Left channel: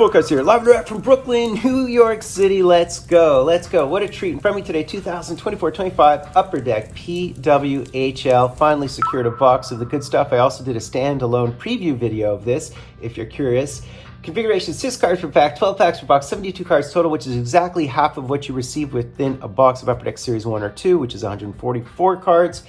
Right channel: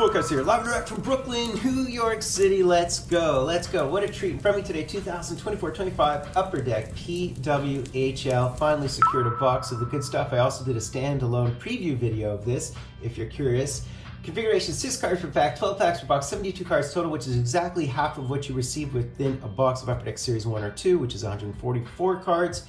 Fultoncards here, live and direct from Brooklyn, New York City. Let's go, let's go. What a treat. In front of me today, 2024-25 Upper Deck PWHL. Finally secured a box of the good stuff. I also did a standalone preview video of this, if you're curious. Configuration, 6 cards per pack, 12 packs per box, 72 cards total, which is exactly half of what you receive within a box of Upper Deck Series 1 or 2, which is 144 cards.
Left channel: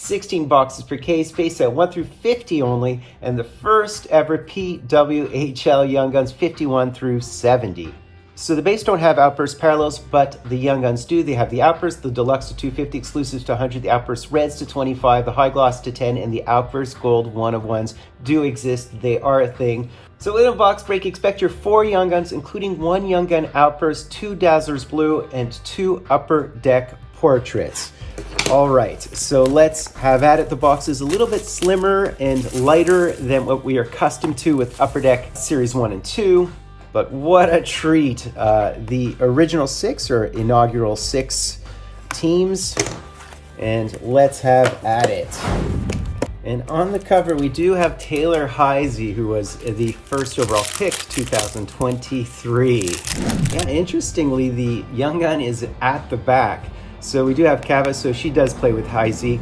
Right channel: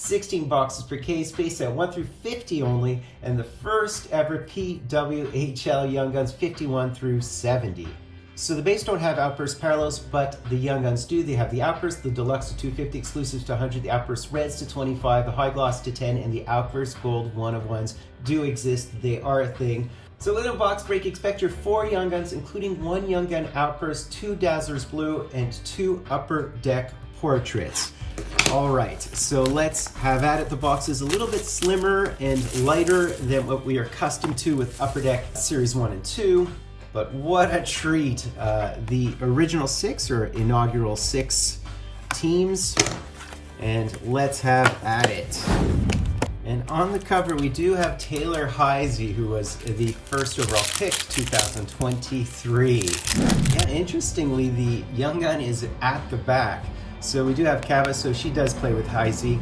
16 boxes per case, base set 1 through 50 only, and the first ever PWHL Young Guns 51 through 70. So the base don't have Outburst Parallels, but the Young Guns do. They have the Outburst, the Deluxe to 250, Exclusives to 100, the Outburst Reds to 25, the High Gloss to 10, and the Outburst Gold 1-of-1s do exist. They are a thing. So in a box break, expect your 4 Young Guns, including 1 Young Gun Outburst, 2 Dazzlers Blue, and 2 Upper Deck Portraits. All right, so let's have at it. The box is a little bit slimmer and lighter than what we are accustomed to with Upper Deck Series 1 and 2, but what a treat. The original 6 or inaugural 6 teams, and let's have at it. And on the cover, we do have Taylor Heisey, who was the first overall pick, 2023. Yeah, interestingly, the Young Gun is at the back. So we do have Kava, so she does play with Heisey.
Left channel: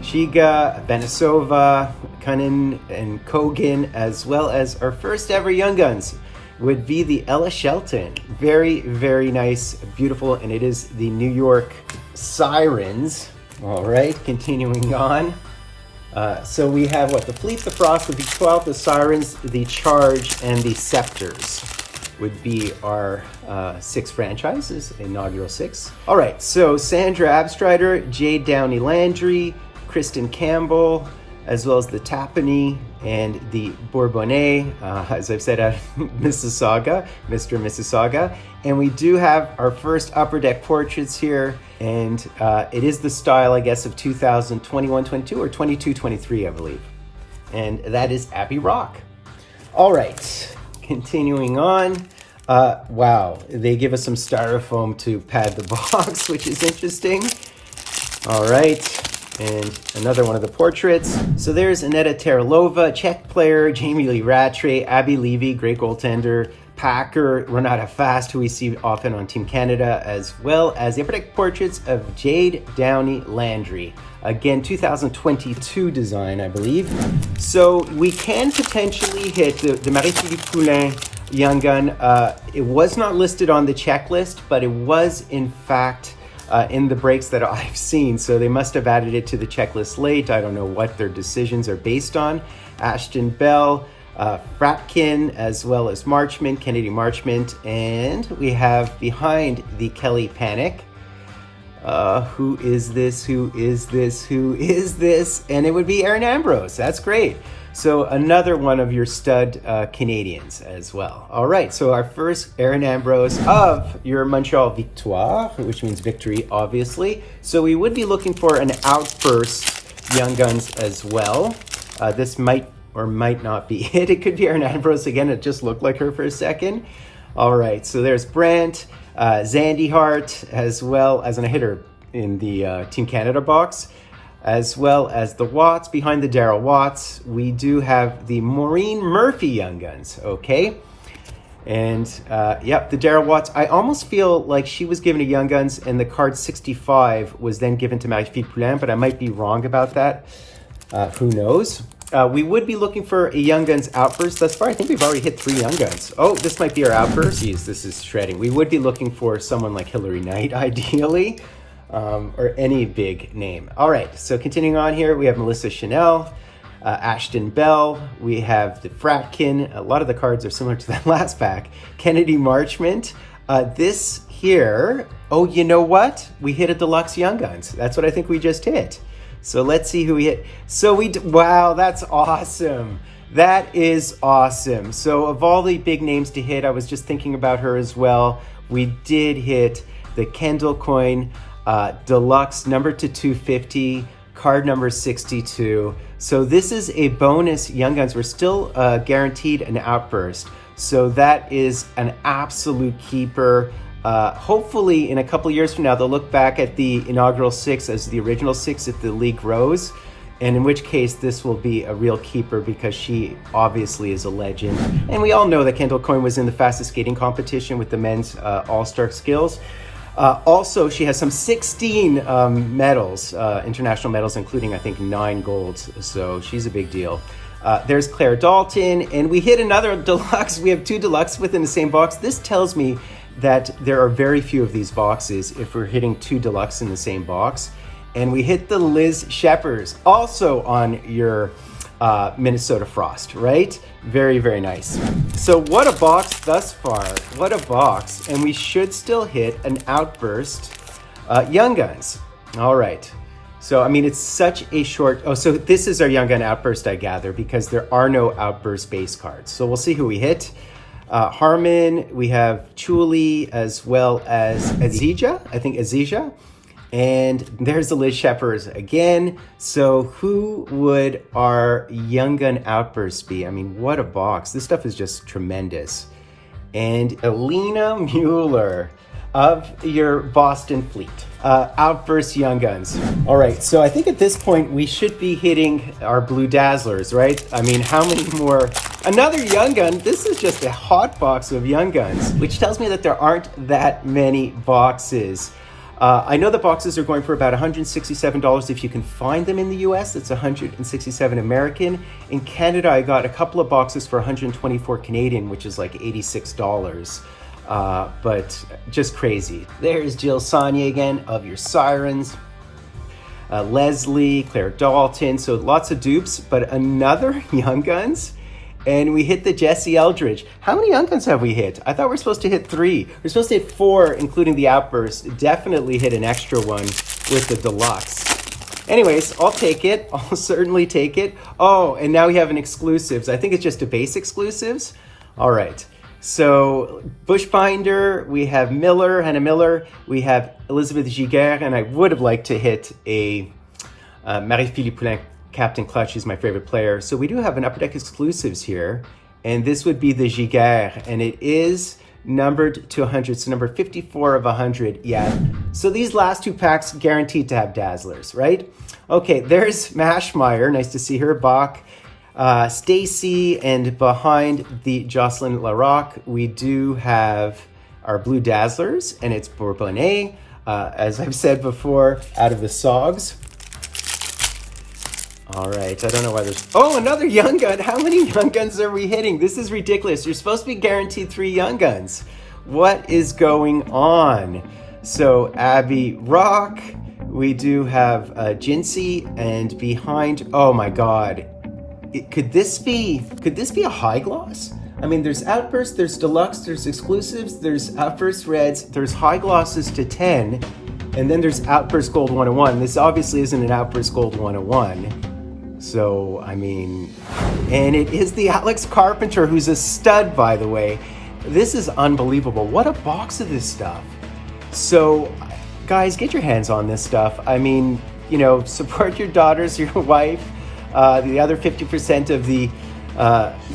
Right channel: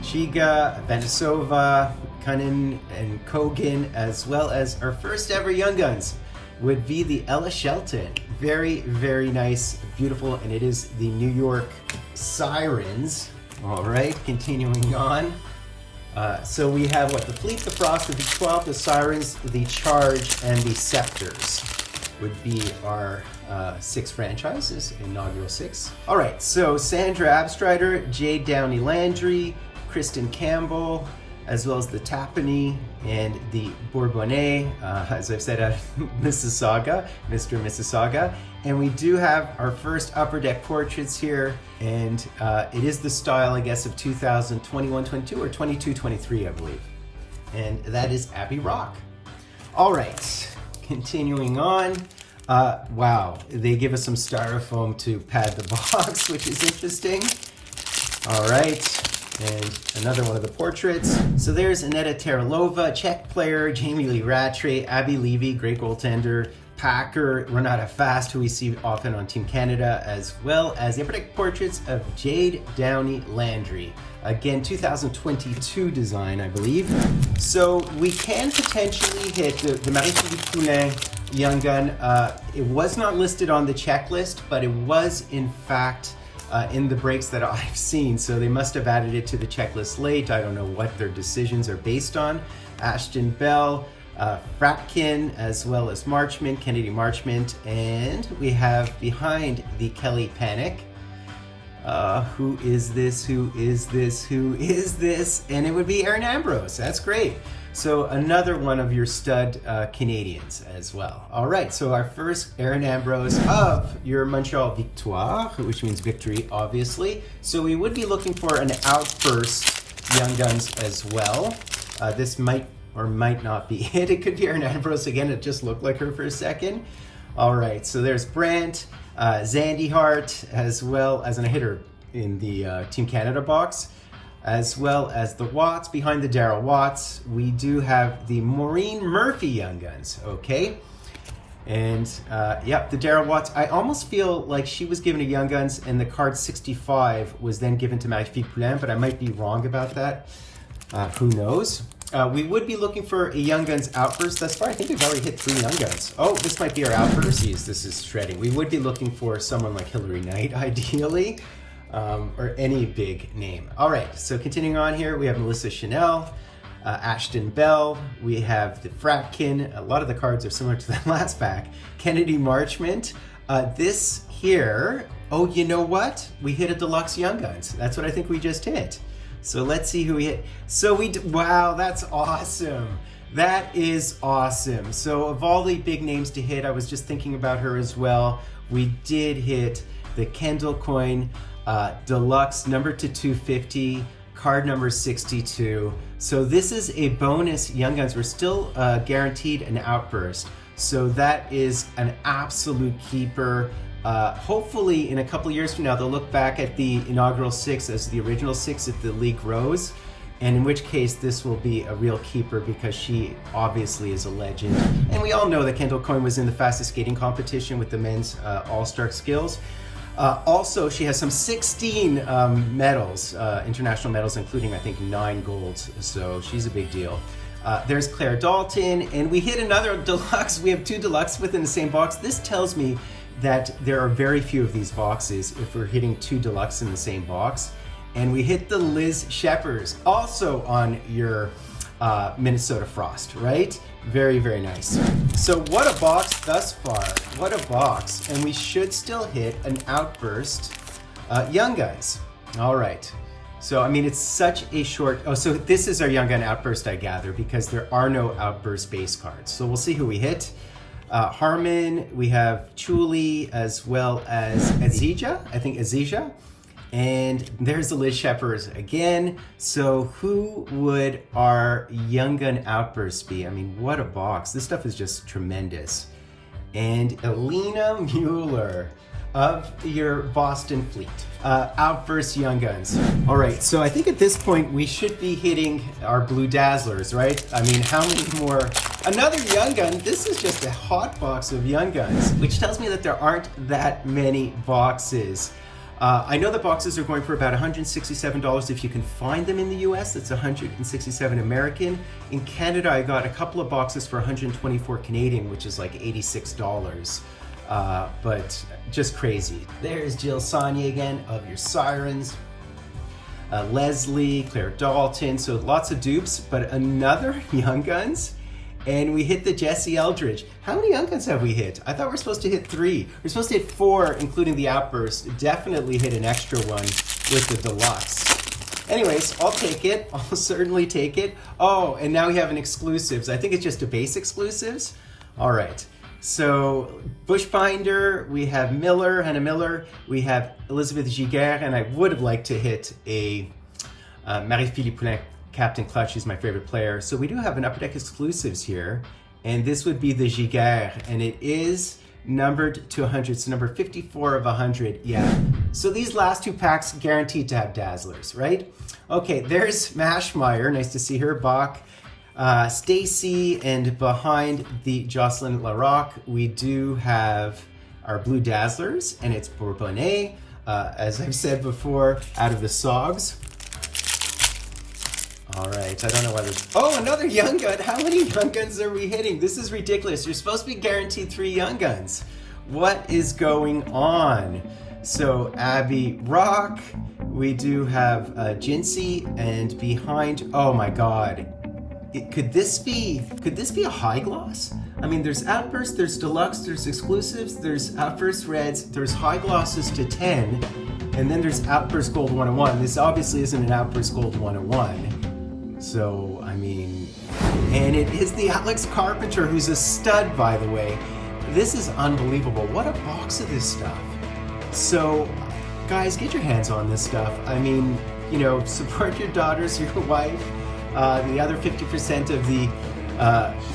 Shiga, Benesova, Cunnin, and Kogan, as well as our first ever Young Guns would be the Ella Shelton. Very, very nice, beautiful, and it is the New York Sirens. All right, continuing on. So we have what? The Fleet, the Frost, the V12, the Sirens, the Charge, and the Scepters would be our 6 franchises, inaugural 6. All right, so Sandra Abstrider, Jade Downey Landry, Kristen Campbell, as well as the Tapani and the Bourbonnais, as I've said, Mississauga, Mr. and Mississauga. And we do have our first Upper Deck portraits here, and it is the style, I guess, of 2021-22 or 22-23, I believe. And that is Abby Rock. All right. Continuing on, wow, they give us some styrofoam to pad the box, which is interesting. All right, and another one of the portraits. So there's Aneta Teralova, Czech player, Jamie Lee Rattray, Abby Levy, great goaltender, Packer, Renata Fast, who we see often on Team Canada, as well as the Upper Deck portraits of Jade Downey Landry. Again, 2022 design, I believe. So we can potentially hit the Marie-Philippe Poulin Young Gun. It was not listed on the checklist, but it was in fact in the breaks that I've seen. So they must have added it to the checklist late. I don't know what their decisions are based on. Ashton Bell, Fratkin, as well as Marchment, Kennedy Marchment, and we have behind the Kelly Panic. Who is this? Who is this? Who is this? And it would be Aaron Ambrose. That's great. So another one of your stud Canadians as well. All right, so our first Aaron Ambrose of your Montreal Victoire, which means victory, obviously. So we would be looking for an Outburst Young Guns as well. This might or might not be it. It could be Aaron Ambrose again. It just looked like her for a second. All right, so there's Brandt, Zandy Hart, as well as, and I hit her in the Team Canada box, as well as the Watts. Behind the Darryl Watts, we do have the Maureen Murphy Young Guns, okay? And yep, the Darryl Watts, I almost feel like she was given a Young Guns and the card 65 was then given to Marie-Philippe Poulin, but I might be wrong about that. Who knows? We would be looking for a Young Guns Outburst. Thus far, I think we've already hit 3 Young Guns. Oh, this might be our Outburst. Jeez, this is shredding. We would be looking for someone like Hillary Knight, ideally, or any big name. All right, so continuing on here, we have Melissa Chanel, Ashton Bell. We have the Fratkin. A lot of the cards are similar to that last pack. Kennedy Marchment. This here, oh, you know what? We hit a Deluxe Young Guns. That's what I think we just hit. So let's see who we hit. So wow, that's awesome. That is awesome. So of all the big names to hit, I was just thinking about her as well. We did hit the Kendall Coin Deluxe number to 250, card number 62. So this is a bonus Young Guns. We're still guaranteed an Outburst. So that is an absolute keeper. Hopefully in a couple years from now, they'll look back at the inaugural 6 as the original 6 if the league grows. and in which case this will be a real keeper because she obviously is a legend. And we all know that Kendall Coyne was in the fastest skating competition with the men's all-star skills. Also, she has some 16 medals, international medals, including I think 9 golds, so she's a big deal. There's Claire Dalton, and we hit another deluxe. We have 2 deluxe within the same box. This tells me that there are very few of these boxes if we're hitting 2 deluxe in the same box. And we hit the Liz Sheppers, also on your Minnesota Frost, right? Very, very nice. So what a box thus far. What a box. And we should still hit an Outburst Young Guns. All right. So, I mean, it's such a short... Oh, so this is our Young Gun Outburst, I gather, because there are no Outburst base cards. So we'll see who we hit. Harmon, we have Chuli, as well as Azija. I think Azija. And there's the Liz Sheppers again. So who would our Young Gun Outburst be? I mean, what a box. This stuff is just tremendous. And Alina Mueller of your Boston Fleet. Outburst Young Guns. All right, so I think at this point we should be hitting our Blue Dazzlers, right? I mean, how many more? Another Young Gun. This is just a hot box of Young Guns, which tells me that there aren't that many boxes. I know the boxes are going for about $167 if you can find them in the US. That's $167 American. In Canada, I got a couple of boxes for $124 Canadian, which is like $86. But just crazy. There's Jill Saunier again of your Sirens. Leslie, Claire Dalton, so lots of dupes, but another Young Guns. And we hit the Jesse Eldridge. How many Young Guns have we hit? I thought we were supposed to hit 3. We're supposed to hit 4, including the Outburst. Definitely hit an extra one with the Deluxe. Anyways, I'll take it. I'll certainly take it. Oh, and now we have an Exclusives. I think it's just a base Exclusives. All right. So Bushbinder, we have Miller, Hannah Miller. We have Elizabeth Giguère, and I would have liked to hit a Marie-Philippe Poulin. Captain Clutch is my favorite player. So we do have an Upper Deck Exclusives here, and this would be the Giguère, and it is numbered to 100, so number 54 of 100, yeah. So these last 2 packs guaranteed to have Dazzlers, right? Okay, there's Mashmeyer, nice to see her, Bach, Stacy, and behind the Jocelyn Larocque, we do have our Blue Dazzlers, and it's Bourbonnais, as I've said before, out of the Sogs. All right, I don't know why there's... Oh, another Young Gun. How many Young Guns are we hitting? This is ridiculous. You're supposed to be guaranteed 3 Young Guns. What is going on? So, Abby Rock. We do have Jinsey, and behind... Oh my God. Could this be a high gloss? I mean, there's Outburst, there's Deluxe, there's Exclusives, there's Outburst Reds, there's high glosses to 10, and then there's Outburst Gold 101. This obviously isn't an Outburst Gold 101. So, I mean, and it is the Alex Carpenter, who's a stud, by the way. This is unbelievable. What a box of this stuff. So, guys, get your hands on this stuff. I mean, you know, support your daughters, your wife, the other 50% of the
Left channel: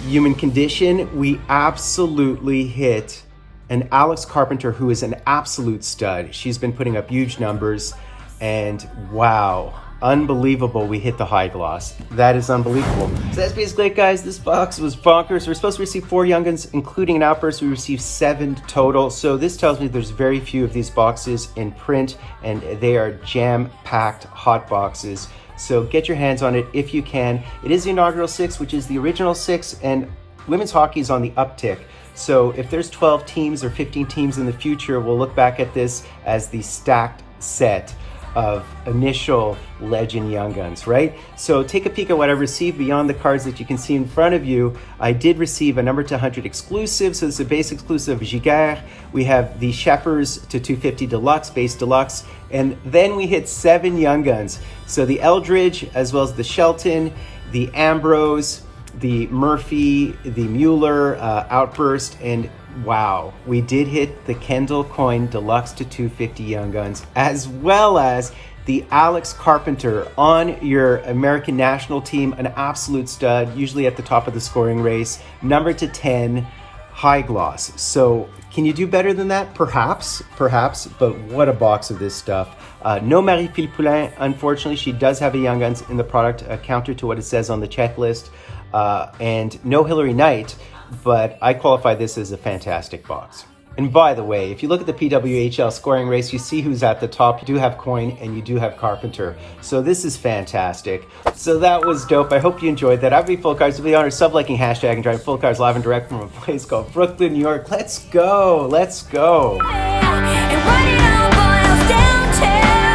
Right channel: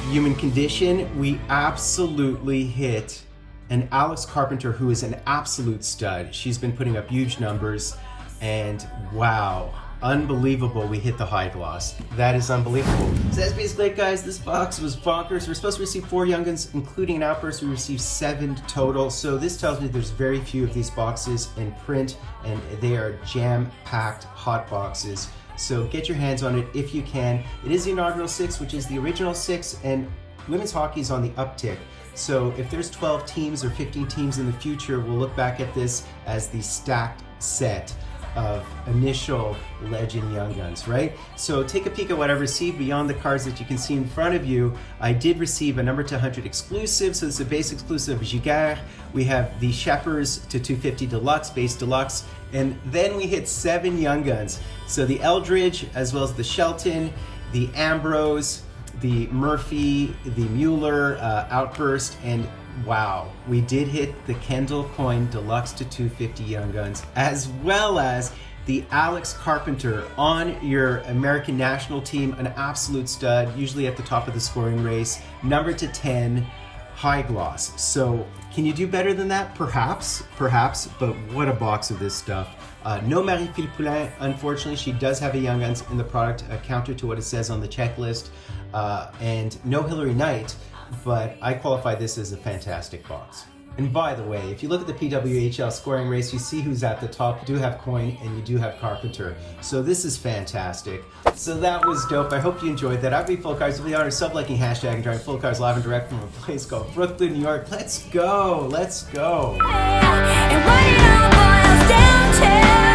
human condition. We absolutely hit an Alex Carpenter, who is an absolute stud. She's been putting up huge numbers, and wow. Unbelievable, we hit the high gloss. That is unbelievable. So that's basically it, guys. This box was bonkers. We're supposed to receive 4 Young Guns, including an Outburst. We received 7 total. So this tells me there's very few of these boxes in print, and they are jam-packed hot boxes. So get your hands on it if you can. It is the inaugural 6, which is the original 6, and women's hockey is on the uptick. So if there's 12 teams or 15 teams in the future, we'll look back at this as the stacked set of initial Legend Young Guns, right? So take a peek at what I received beyond the cards that you can see in front of you. I did receive a number to 100 exclusive, so it's a base exclusive of Giguère. We have the Sheppers to 250 Deluxe, base Deluxe, and then we hit 7 Young Guns. So the Eldridge, as well as the Shelton, the Ambrose, the Murphy, the Mueller, Outburst, and wow, we did hit the Kendall Coyne Deluxe to 250 Young Guns, as well as the Alex Carpenter on your American national team, an absolute stud, usually at the top of the scoring race, number to 10, high gloss. So can you do better than that? Perhaps, but what a box of this stuff. No Marie-Phile Poulin, unfortunately. She does have a Young Guns in the product, counter to what it says on the checklist. And no Hillary Knight, but I qualify this as a fantastic box. And by the way, if you look at the PWHL scoring race, you see who's at the top. You do have Coyne and you do have Carpenter. So this is fantastic. So that was dope. I hope you enjoyed that. I'd be Fultoncards. With the honor sub-liking hashtag and driving Fultoncards live and direct from a place called Brooklyn, New York. Let's go. Let's go. And what it all boils down to